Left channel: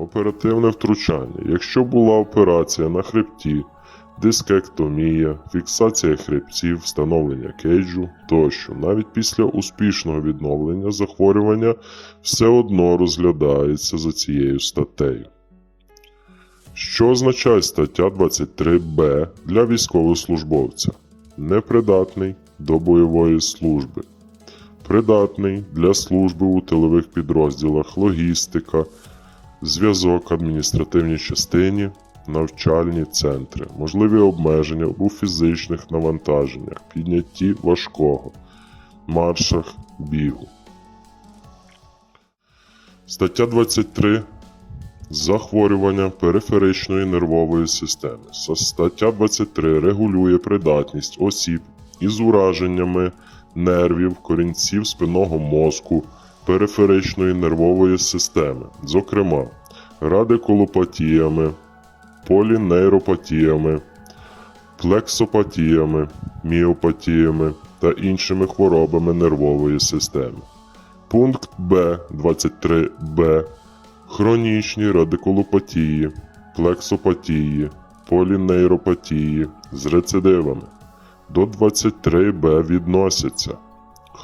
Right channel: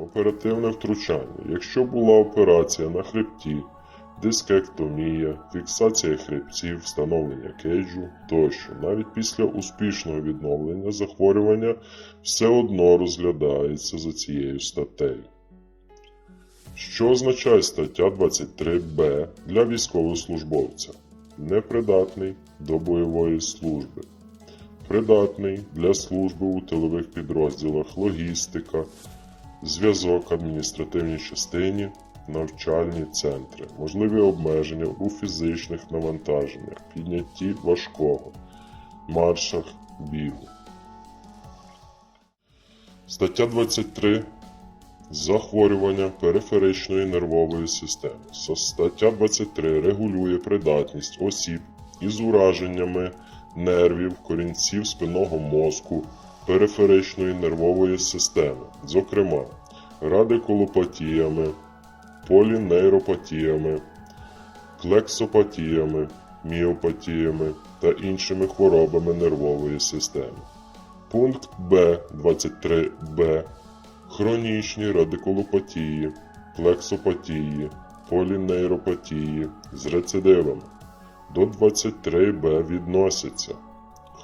Оперативне втручання. Якщо була операція на хребті, дискектомія, фіксація хребців, встановлення кейджу тощо, навіть після успішного відновлення захворювання все одно розглядається за цією статтею. Що означає стаття 23б для військовослужбовця? Непридатний до бойової служби. Придатний для служби у тилових підрозділах, логістика, зв'язок, адміністративній частині, навчальні центри, можливі обмеження у фізичних навантаженнях, піднятті важкого, маршах, бігу. Стаття 23 Захворювання периферичної нервової системи. Стаття 23 регулює придатність осіб із ураженнями нервів, корінців спинного мозку, периферичної нервової системи, зокрема радикулопатіями, полінейропатіями, плексопатіями, міопатіями та іншими хворобами нервової системи. Пункт Б 23Б хронічні радикулопатії, плексопатії, полінейропатії з рецидивами. До 23Б відносяться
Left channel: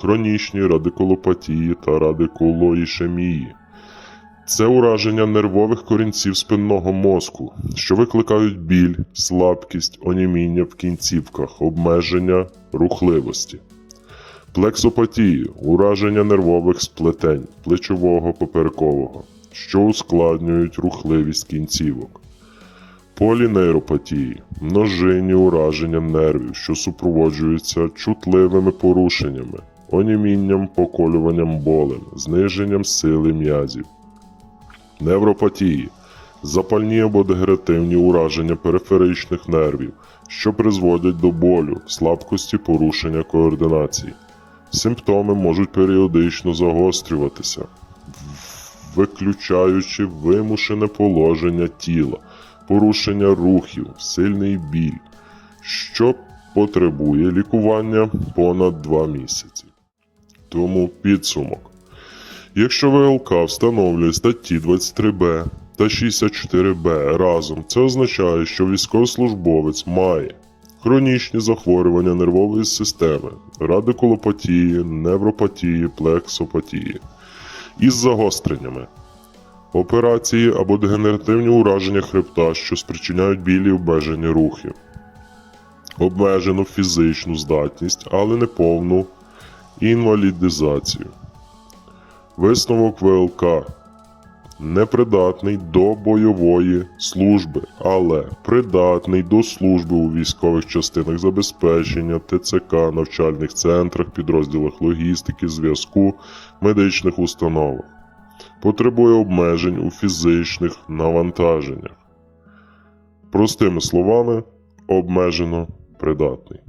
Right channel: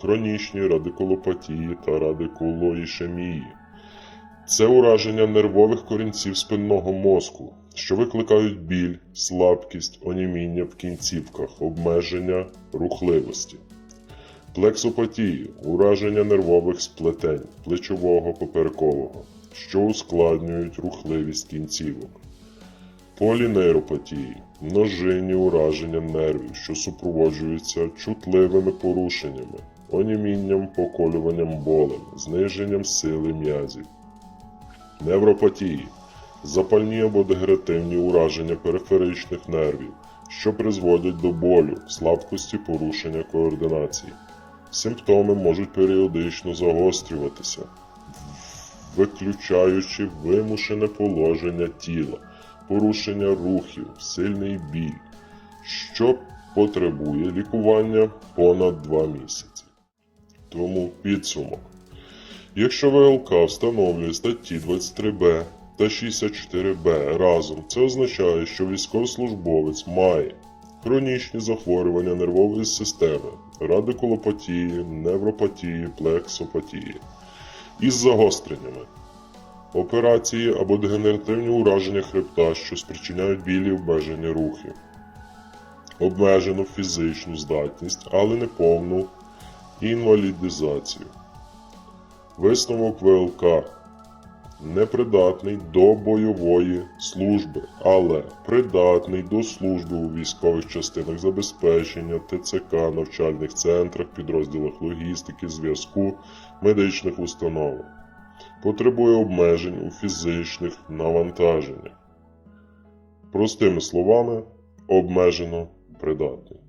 хронічні радикулопатії та радикулоїшемії. Це ураження нервових корінців спинного мозку, що викликають біль, слабкість, оніміння в кінцівках, обмеження рухливості. Плексопатії ураження нервових сплетень плечового поперекового, що ускладнюють рухливість кінцівок. Полінейропатії множинні ураження нервів, що супроводжуються чутливими порушеннями, онімінням, поколюванням болем, зниженням сили м'язів. Невропатії запальні або дегенеративні ураження периферичних нервів, що призводять до болю, слабкості порушення координації. Симптоми можуть періодично загострюватися, виключаючи вимушене положення тіла, порушення рухів, сильний біль, що потребує лікування понад 2 місяці. Тому підсумок. Якщо ВЛК встановлює статті 23Б та 64Б разом, це означає, що військовослужбовець має хронічні захворювання нервової системи, радикулопатії, невропатії, плексопатії. Із загостреннями, операції або дегенеративні ураження хребта, що спричиняють білі обмеження рухів, обмежену фізичну здатність, але не повну інвалідизацію. Висновок ВЛК непридатний до бойової служби, але придатний до служби у військових частинах забезпечення, ТЦК, навчальних центрах, підрозділах логістики, зв'язку, медичних установах. Потребує обмежень у фізичних навантаженнях. Простими словами, обмежено придатний.